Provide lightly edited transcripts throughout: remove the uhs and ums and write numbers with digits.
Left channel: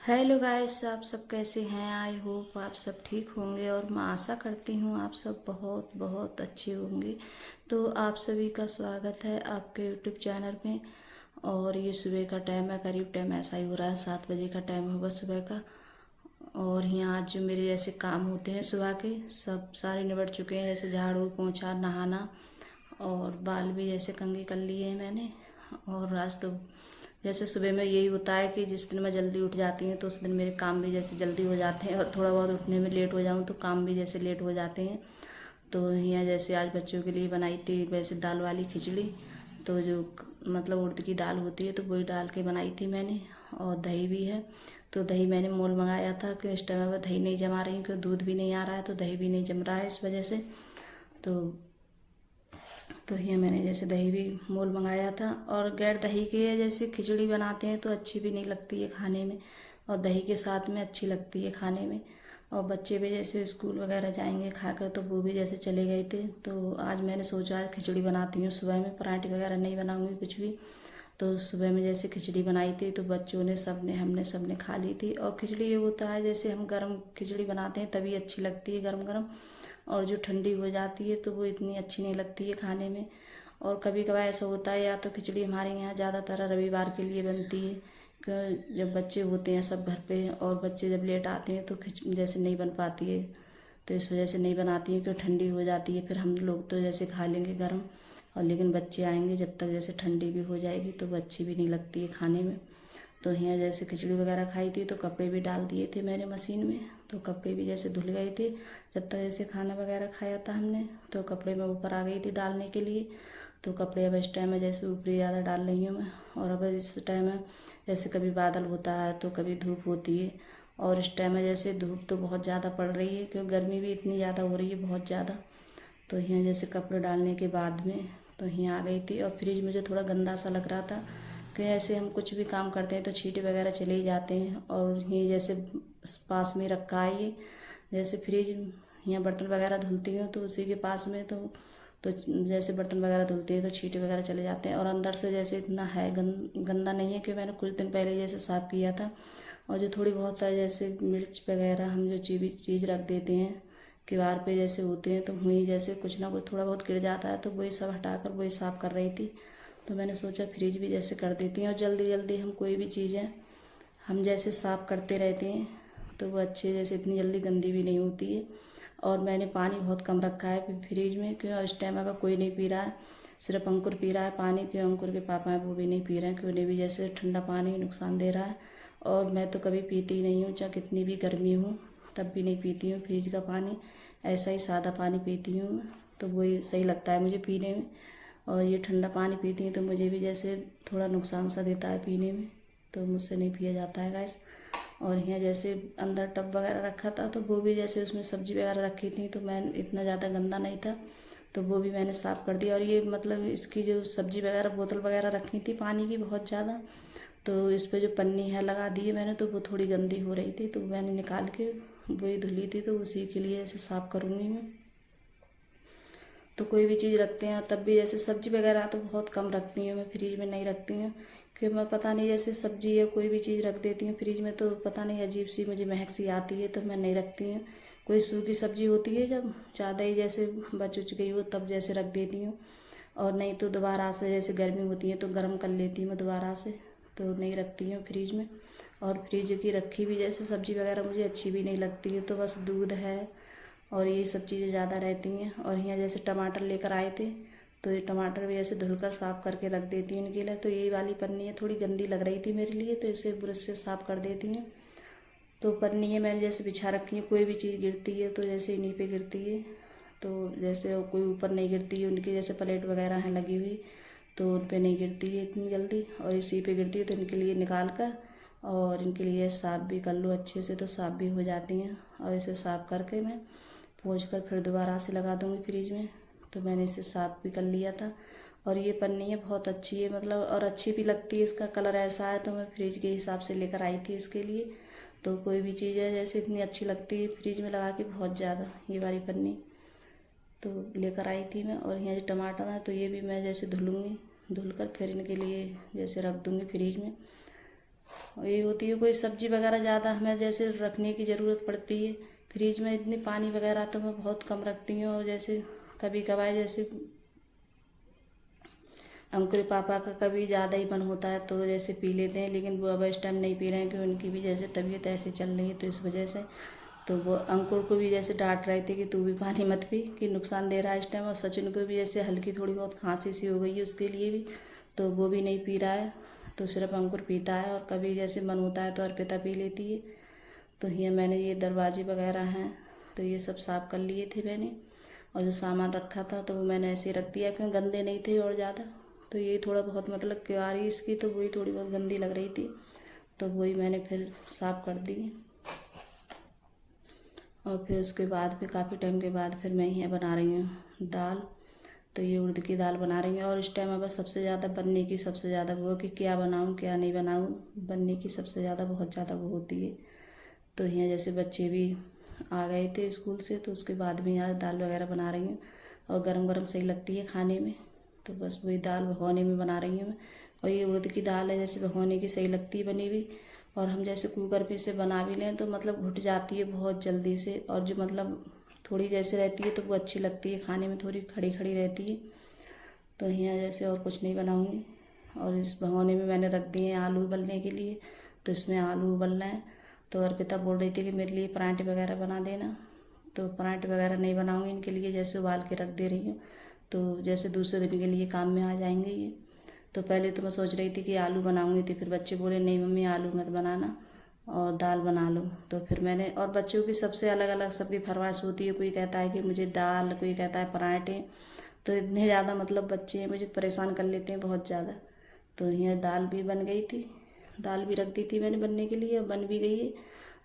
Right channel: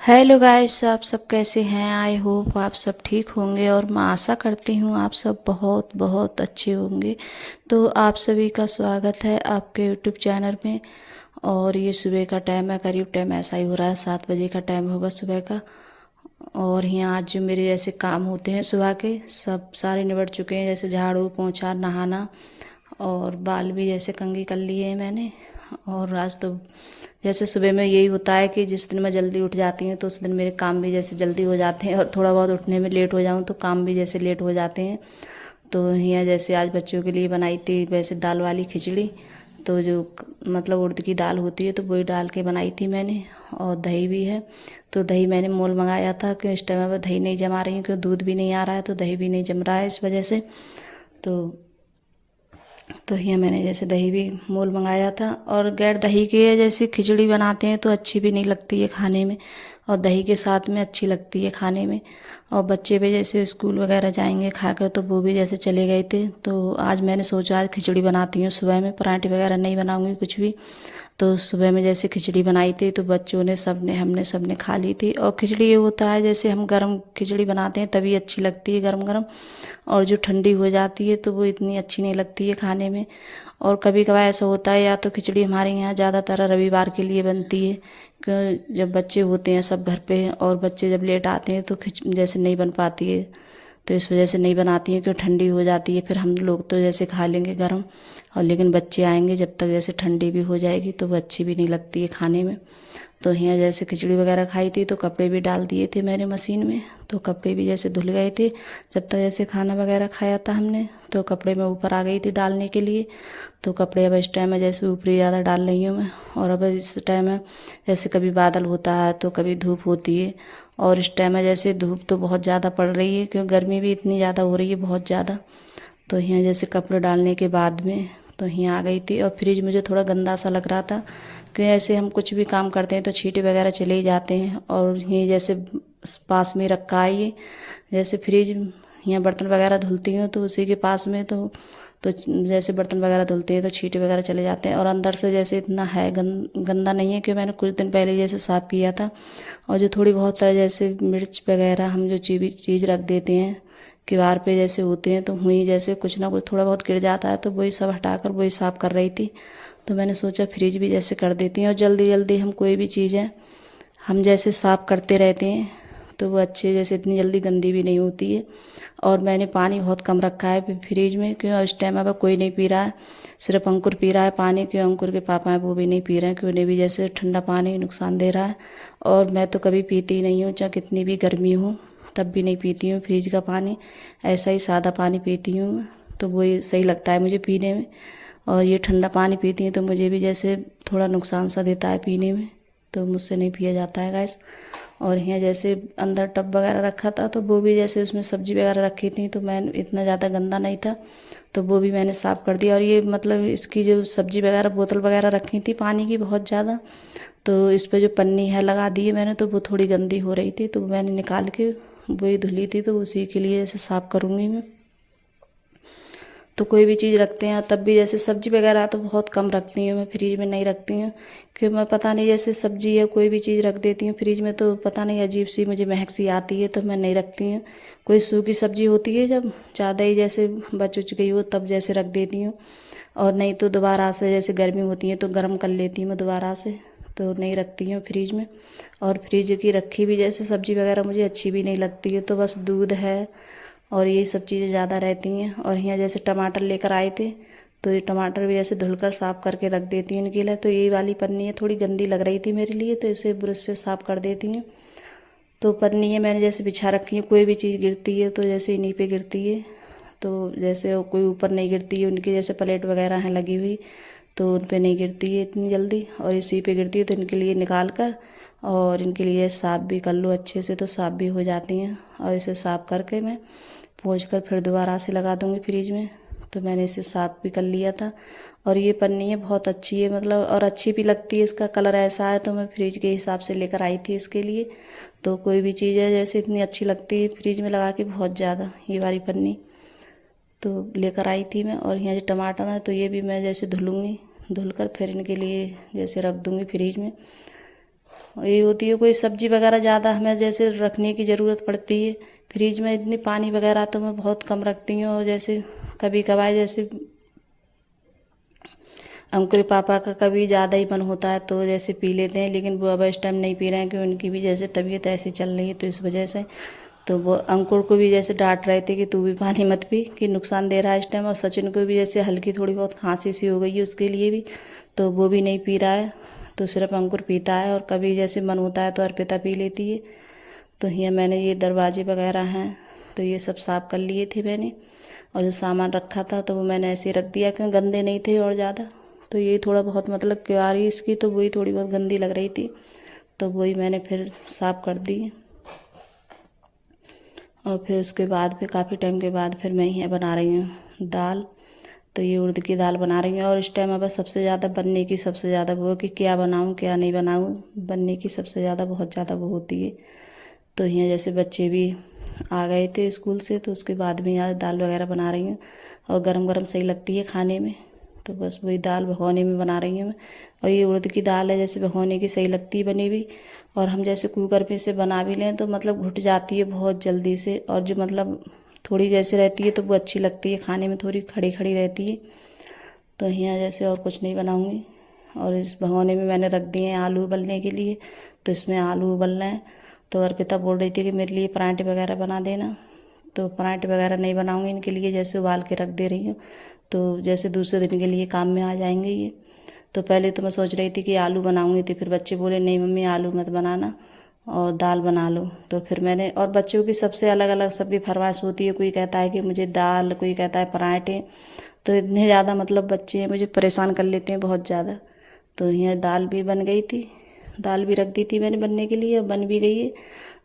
Hello guys, आप सब कैसे हैं। आई होप आप सब ठीक होंगे और मैं आशा करती हूँ आप सब बहुत बहुत अच्छे होंगे। तो आप सभी का स्वागत है आपके यूट्यूब चैनल में। और ये सुबह का टाइम है, करीब टाइम ऐसा ही हो रहा है, 7 बजे का टाइम होगा सुबह का। और यहाँ आज जो मेरे जैसे काम होते हैं सुबह के सब सारे निबट चुके हैं, जैसे झाड़ू पोंछा नहाना और बाल भी जैसे कंघी कर लिए हैं मैंने। और आज तो जैसे सुबह में यही होता है कि जिस दिन मैं जल्दी उठ जाती हूँ तो उस दिन मेरे काम भी जैसे जल्दी हो जाते हैं, और थोड़ा बहुत उठने में लेट हो जाऊँ तो काम भी जैसे लेट हो जाते हैं। तो यहाँ जैसे आज बच्चों के लिए बनाई थी वैसे दाल वाली खिचड़ी। तो जो मतलब उड़द की दाल होती है तो वही डाल के बनाई थी मैंने। और दही भी है, तो दही मैंने मोल मंगाया था क्यों इस टाइम में दही नहीं जमा रही हूँ, क्यों दूध भी नहीं आ रहा है तो दही भी नहीं जम रहा है इस वजह से। तो यहाँ मैंने जैसे दही भी मोल मंगाया था। और गैर दही के जैसे खिचड़ी बनाते हैं तो अच्छी भी नहीं लगती है खाने में, और दही के साथ में अच्छी लगती है खाने में। और बच्चे भी जैसे स्कूल वगैरह जाएंगे खाकर तो वो भी जैसे चले गए थे, तो आज मैंने सोचा आज खिचड़ी बनाती हूँ सुबह में, पराठे वगैरह नहीं बनाऊँगी कुछ भी। तो सुबह में जैसे खिचड़ी बनाई थी तो बच्चों ने सब ने खा ली थी। और खिचड़ी ये होता है जैसे हम गरम खिचड़ी बनाते हैं तभी अच्छी लगती है गरम गरम, और जो ठंडी हो जाती है तो वो इतनी अच्छी नहीं लगती है खाने में। और कभी कभार ऐसा होता है या तो खिचड़ी हमारे यहाँ ज़्यादातर रविवार के लिए बनती है, क्यों जब बच्चे होते हैं सब घर पे और बच्चे जब लेट आते हैं तो खिच जैसे नहीं बन पाती है। तो इस वजह से नहीं बनाती हूँ, क्यों ठंडी हो जाती है फिर हम लोग तो जैसे खा लेंगे गरम, और लेकिन बच्चे आएंगे जब तक जैसे ठंडी भी हो जाएगी तो वो अच्छी भी नहीं लगती है खाने में। तो यहाँ जैसे खिचड़ी वगैरह खाई थी तो कपड़े भी डाल दिए थे मैंने मशीन में, तो कपड़े भी जैसे धुल गए थे। जब तक जैसे खाना वगैरह खाया था हमने तो कपड़े मैं ऊपर आ गई थी डालने के लिए। तो कपड़े अब इस टाइम में जैसे ऊपरी ज़्यादा डाल रही हूँ मैं। और अब इस टाइम में जैसे कभी बादल होता है तो कभी धूप होती है, और इस टाइम में जैसे धूप तो बहुत ज़्यादा पड़ रही है क्योंकि गर्मी भी इतनी ज़्यादा हो रही है बहुत ज़्यादा। तो यहाँ जैसे कपड़े डालने के बाद में तो यहाँ आ गई थी। और फ्रिज मुझे थोड़ा गंदा सा लग रहा था क्योंकि ऐसे हम कुछ भी काम करते हैं तो छींटे वगैरह चले ही जाते हैं। और ये जैसे पास में रखा है ये जैसे फ्रिज, यहाँ बर्तन वगैरह धुलती हूँ तो उसी के पास में तो जैसे बर्तन वगैरह धुलते हैं तो छींटे वगैरह चले जाते हैं। और अंदर से जैसे इतना है गंदा नहीं है, कि मैंने कुछ दिन पहले जैसे साफ़ किया था। और जो थोड़ी बहुत है जैसे मिर्च वगैरह हम जो चीज़ रख देते हैं किवाड़ पे जैसे होते हैं तो हुई जैसे कुछ ना कुछ थोड़ा बहुत गिर जाता है तो वही सब हटाकर वही साफ़ कर रही थी। तो मैंने सोचा फ्रिज भी जैसे कर देती हूँ, और जल्दी जल्दी हम कोई भी चीज़ है हम जैसे साफ़ करते रहते हैं तो वो अच्छे जैसे इतनी जल्दी गंदी भी नहीं होती है। और मैंने पानी बहुत कम रखा है फ्रिज में, क्यों इस टाइम अब कोई नहीं पी रहा है, सिर्फ अंकुर पी रहा है पानी, क्यों अंकुर के पापा हैं वो भी नहीं पी रहे हैं, क्यों उन्हें भी जैसे ठंडा पानी नुकसान दे रहा है। और मैं तो कभी पीती ही नहीं हूँ, चाहे कितनी भी गर्मी हो तब भी नहीं पीती हूँ फ्रिज का पानी, ऐसा ही सादा पानी पीती हूँ। तो वही सही लगता है मुझे पीने में। और ये ठंडा पानी पीती हूँ तो मुझे भी जैसे थोड़ा नुकसान सा देता है पीने में, तो मुझसे नहीं पिया जाता है गैस। और यहाँ जैसे अंदर टब वगैरह रखा था तो वो भी जैसे उसमें सब्जी वगैरह रखी थी तो मैं इतना ज़्यादा गंदा नहीं था तो वो भी मैंने साफ़ कर दिया। और ये मतलब इसकी जो सब्जी वगैरह बोतल वगैरह रखी थी पानी की बहुत ज़्यादा, तो इस पे जो पन्नी है लगा दी है मैंने, तो वो थोड़ी गंदी हो रही थी तो मैंने निकाल के वही धुली थी, तो उसी के लिए जैसे साफ़ करूँगी मैं। तो कोई भी चीज़ रखते हैं तब भी जैसे सब्जी वगैरह तो बहुत कम रखती हूँ मैं, फ्रिज में नहीं रखती हूँ। क्योंकि मैं पता नहीं जैसे सब्जी या कोई भी चीज़ रख देती हूँ फ्रिज में तो पता नहीं अजीब सी मुझे महक सी आती है तो मैं नहीं रखती हूँ। कोई सूखी सब्जी होती है जब ज़्यादा ही जैसे बच उच गई हो तब जैसे रख देती हूँ, और नहीं तो दोबारा से जैसे गर्मी होती है तो गर्म कर लेती हूँ मैं दोबारा से, तो नहीं रखती हूँ फ्रिज में। और फ्रिज की रखी भी जैसे सब्जी वगैरह मुझे अच्छी भी नहीं लगती है, तो बस दूध है और ये सब चीज़ें ज़्यादा रहती हैं। और यहाँ जैसे टमाटर लेकर आए थे तो ये टमाटर भी ऐसे धुलकर साफ़ करके रख देती हूँ इनके लिए। तो ये वाली पन्नी है थोड़ी गंदी लग रही थी मेरे लिए तो इसे ब्रश से साफ़ कर देती हूँ। तो पन्नी है मैंने जैसे बिछा रखी है, कोई भी चीज़ गिरती है तो जैसे इन्हीं पे गिरती है, तो जैसे वो कोई ऊपर नहीं गिरती है, उनकी जैसे प्लेट वगैरह हैं लगी हुई तो उन पे नहीं गिरती है इतनी जल्दी, और इसी पे गिरती है तो इनके लिए निकाल कर और इनके लिए साफ़ भी कर लो अच्छे से तो साफ़ भी हो जाती हैं। और इसे साफ़ करके मैं पोंछ कर फिर दोबारा से लगा दूँगी फ्रिज में। तो मैंने इसे साफ़ भी कर लिया था। और ये पन्नी है बहुत अच्छी है मतलब, और अच्छी भी लगती है, इसका कलर ऐसा है तो मैं फ्रिज के हिसाब से लेकर आई थी इसके लिए। तो कोई भी चीज़ है जैसे इतनी अच्छी लगती है फ्रिज में लगा के बहुत ज़्यादा, ये वाली पन्नी तो लेकर आई थी मैं। और यहाँ जो टमाटर है तो ये भी मैं जैसे धुलूँगी, धुलकर फिर इनके लिए जैसे रख दूँगी फ्रिज में। ये होती है कोई सब्जी वगैरह ज़्यादा हमें जैसे रखने की ज़रूरत पड़ती है, फ्रिज में इतनी पानी वगैरह तो मैं बहुत कम रखती हूँ। और जैसे कभी कभार जैसे अंकुर पापा का कभी ज़्यादा ही मन होता है तो जैसे पी लेते हैं, लेकिन वो अब इस टाइम नहीं पी रहे हैं क्योंकि उनकी भी जैसे तबीयत ऐसी चल रही है, तो इस वजह से तो वो अंकुर को भी जैसे डांट रहे थे कि तू भी पानी मत पी कि नुकसान दे रहा है इस टाइम। और सचिन को भी जैसे हल्की थोड़ी बहुत खांसी सी हो गई है उसके लिए भी, तो वो भी नहीं पी रहा है, तो सिर्फ अंकुर पीता है। और कभी जैसे मन होता है तो अर्पिता पी लेती है। तो यहाँ मैंने ये दरवाजे वगैरह हैं तो ये सब साफ़ कर लिए थे मैंने, और जो सामान रखा था तो वो मैंने ऐसे ही रख दिया क्योंकि गंदे नहीं थे और ज़्यादा। तो ये थोड़ा बहुत मतलब क्यारी इसकी तो वही थोड़ी बहुत गंदी लग रही थी, तो वही मैंने फिर साफ़ कर दी। और फिर उसके बाद फिर काफ़ी टाइम के बाद फिर मैं यहाँ बना रही हूँ दाल। तो ये उड़द की दाल बना रही हूँ। और इस टाइम अब सबसे ज़्यादा बनने की सबसे ज़्यादा वो कि क्या बनाऊँ क्या नहीं बनाऊँ, बनने की सबसे ज़्यादा बहुत ज़्यादा वो होती है। तो यहाँ जैसे बच्चे भी आ गए थे स्कूल से, तो उसके बाद में यहाँ दाल वगैरह बना रही हूँ। और गरम गरम सही लगती है खाने में, तो बस वही दाल भगोने में बना रही हूँ मैं। और ये उड़द की दाल है जैसे भगोने की सही लगती है बनी हुई। और हम जैसे कुकर पे से बना भी लें तो मतलब घुट जाती है बहुत जल्दी से, और जो मतलब थोड़ी जैसे रहती है तो वो अच्छी लगती है खाने में, थोड़ी खड़ी खड़ी रहती है। तो यहाँ जैसे और कुछ नहीं बनाऊँगी। और इस भगोने में मैंने रख दिए हैं आलू उबलने के लिए, तो इसमें आलू उबल रहे हैं। तो अर्पिता बोल रही थी कि मेरे लिए पराठे वगैरह बना देना, तो पराठे वगैरह नहीं बनाऊँगी इनके लिए, जैसे उबाल के रख दे रही हूँ तो जैसे दूसरे दिन के लिए काम में आ जाएंगे ये। तो पहले तो मैं सोच रही थी कि आलू बनाऊँगी, तो फिर बच्चे बोले नहीं मम्मी आलू मत बनाना और दाल बना लो। तो फिर मैंने, और बच्चों की सबसे अलग अलग सबकी फरमाइश होती है, कोई कहता है कि मुझे दाल, कोई कहता है पराठे। तो इतने ज़्यादा मतलब बच्चे हैं मुझे परेशान कर लेते हैं बहुत ज़्यादा। तो यहाँ दाल भी बन गई थी, दाल भी रख दी थी मैंने बनने के लिए, बन भी गई है।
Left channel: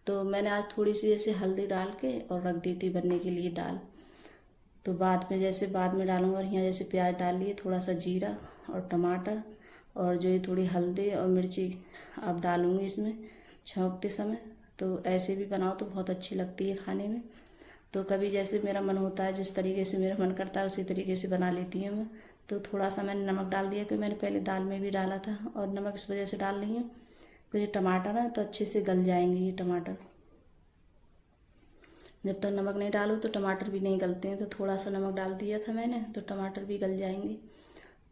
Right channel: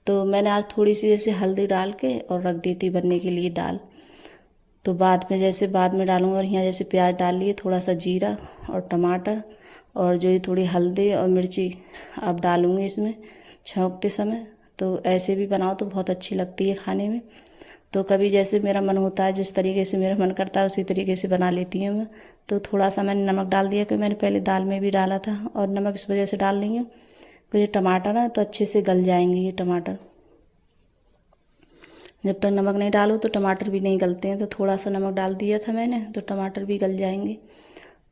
तो मैंने आज थोड़ी सी जैसे हल्दी डाल के और रख दी थी बनने के लिए दाल। तो बाद में जैसे बाद में डालूँगा। और यहाँ जैसे प्याज डाल लिए, थोड़ा सा जीरा और टमाटर, और जो ये थोड़ी हल्दी और मिर्ची अब डालूँगी इसमें छौंकते समय। तो ऐसे भी बनाओ तो बहुत अच्छी लगती है खाने में। तो कभी जैसे मेरा मन होता है, जिस तरीके से मेरा मन करता है उसी तरीके से बना लेती हूँ मैं। तो थोड़ा सा मैंने नमक डाल दिया क्योंकि मैंने पहले दाल में भी डाला था, और नमक इस वजह से डाल रही हूँ क्योंकि टमाटर ना तो अच्छे से गल जाएंगे ये टमाटर। जब तक नमक नहीं डालो तो टमाटर भी नहीं गलते हैं, तो थोड़ा सा नमक डाल दिया था मैंने तो टमाटर भी गल जाएंगे।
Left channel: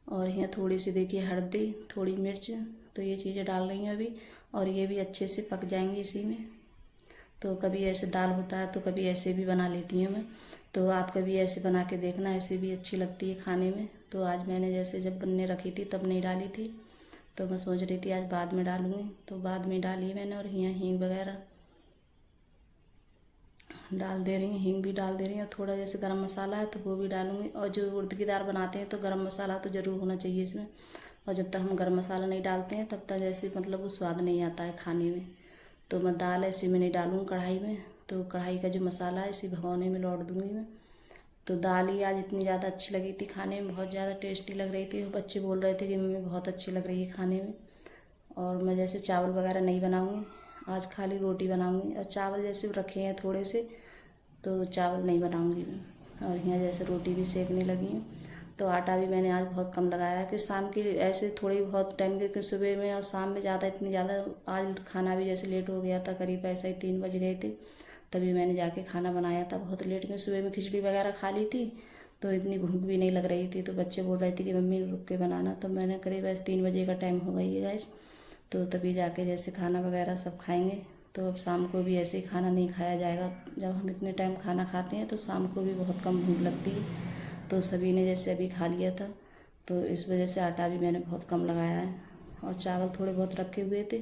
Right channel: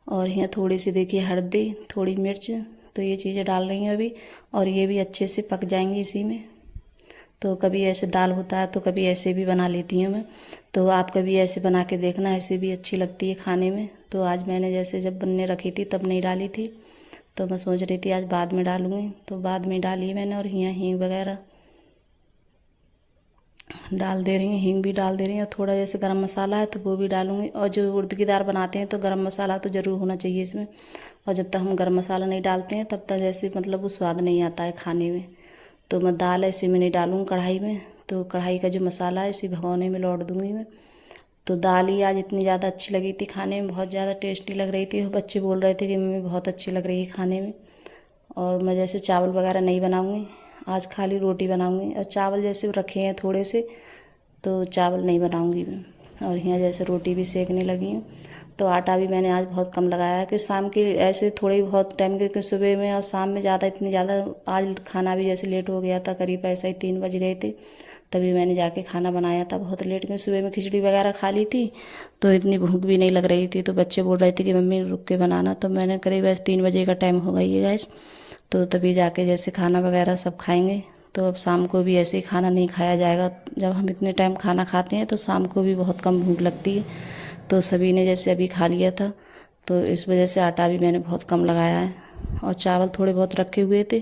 और यहाँ थोड़ी सी देखिए हल्दी, थोड़ी मिर्च, तो ये चीज़ें डाल रही हूँ अभी, और ये भी अच्छे से पक जाएंगी इसी में। तो कभी ऐसे दाल होता है तो कभी ऐसे भी बना लेती हूँ मैं। तो आप कभी ऐसे बना के देखना, ऐसे भी अच्छी लगती है खाने में। तो आज मैंने जैसे जब बनने रखी थी तब नहीं डाली थी, तो मैं सोच रही थी आज बाद में डालूँगी, तो बाद में डाली मैंने। और यहाँ हींग वगैरह डाल दे रही हूँ, हींग भी डाल दे रही हूँ, और थोड़ा जैसे गरम मसाला है तो वो भी डालूँगी। और जो उड़द की दाल बनाते हैं तो गरम मसाला तो ज़रूर होना चाहिए इसमें, और जब तक हम गरम मसाला नहीं डालते हैं तब तक जैसे मतलब वो स्वाद नहीं आता है खाने में। तो मैं दाल ऐसे में नहीं डालूँगी कढ़ाई में, तो कढ़ाई का जो मसाला है इसी भगोने में लौट दूँगी मैं। तो दाल ही आज इतनी ज़्यादा अच्छी लगी थी खाने में, बहुत ज़्यादा टेस्टी लग रही थी। बच्चे बोल रहे थे कि मम्मी बहुत अच्छी लग रही है खाने में। और मैं जैसे चावल वगैरह नहीं बनाऊँगी, आज खाली रोटी बनाऊँगी। और चावल जैसे रखे हैं थोड़े से, तो चावल नहीं बनाऊँगी मैं। और यहाँ जैसे रोटी भी सेकने लगी हूँ। तो आटा भी मैंने आज बहुत कम लगाया है कि शाम के ऐसे थोड़ी बहुत टाइम के सुबह में और शाम में ज़्यादा इतनी ज़्यादा, आज खाना भी जैसे लेट हो गया था, करीब ऐसा ही 3 बज गए थे तभी मैंने जाके खाना बनाया था बहुत लेट में। सुबह में खिचड़ी वगैरह खा ली थी तो इतनी भूख भी नहीं लग रही थी, तो बच्चे बोल रहे थे कि मम्मी रुक के बनाना, तो मैंने करीब ऐसे 3 बजे का टाइम हो गई है गैस, तो तभी जाके जैसे खाना वगैरह सब खाएंगे। तो अब शाम को भी ऐसे ही खाना नहीं खाया जाएगा, जब हम इतने टाइम खाना खाते हैं तो शाम को भी बहुत कम भूख लगती है। तो सभी ने जैसे अभी खा लिया था, तो इस वजह से आटा भी मैंने बहुत कम लगाया है। और चावल थोड़े बहुत रखे हुए थे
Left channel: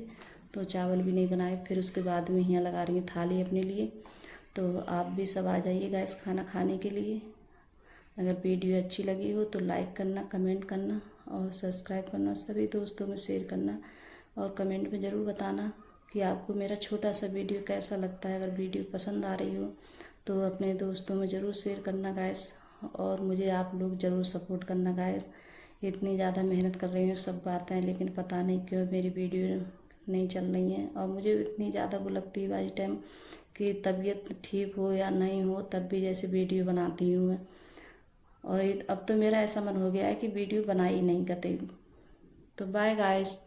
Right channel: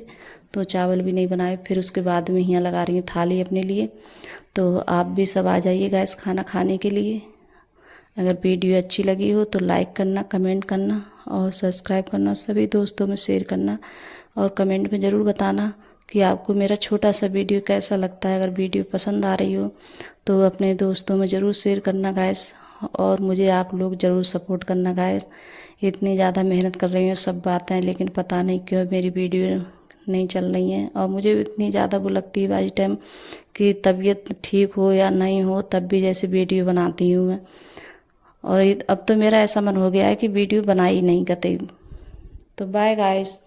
तो चावल भी नहीं बनाए। फिर उसके बाद में यहाँ लगा रही हूँ थाली अपने लिए। तो आप भी सब आ जाइएगा इस खाना खाने के लिए। अगर वीडियो अच्छी लगी हो तो लाइक करना, कमेंट करना और सब्सक्राइब करना, सभी दोस्तों में शेयर करना, और कमेंट में ज़रूर बताना कि आपको मेरा छोटा सा वीडियो कैसा लगता है। अगर वीडियो पसंद आ रही हो तो अपने दोस्तों में ज़रूर शेयर करना गाइस, और मुझे आप लोग ज़रूर सपोर्ट करना गाइस। इतनी ज़्यादा मेहनत कर रही हूँ सब बातें, लेकिन पता नहीं क्यों मेरी वीडियो नहीं चल रही हैं। और मुझे इतनी ज़्यादा वो लगती है बाई टाइम कि तबीयत ठीक हो या नहीं हो तब भी जैसे वीडियो बनाती हूँ मैं। और अब तो मेरा ऐसा मन हो गया है कि वीडियो बना ही नहीं कतई। तो बाय गाइस।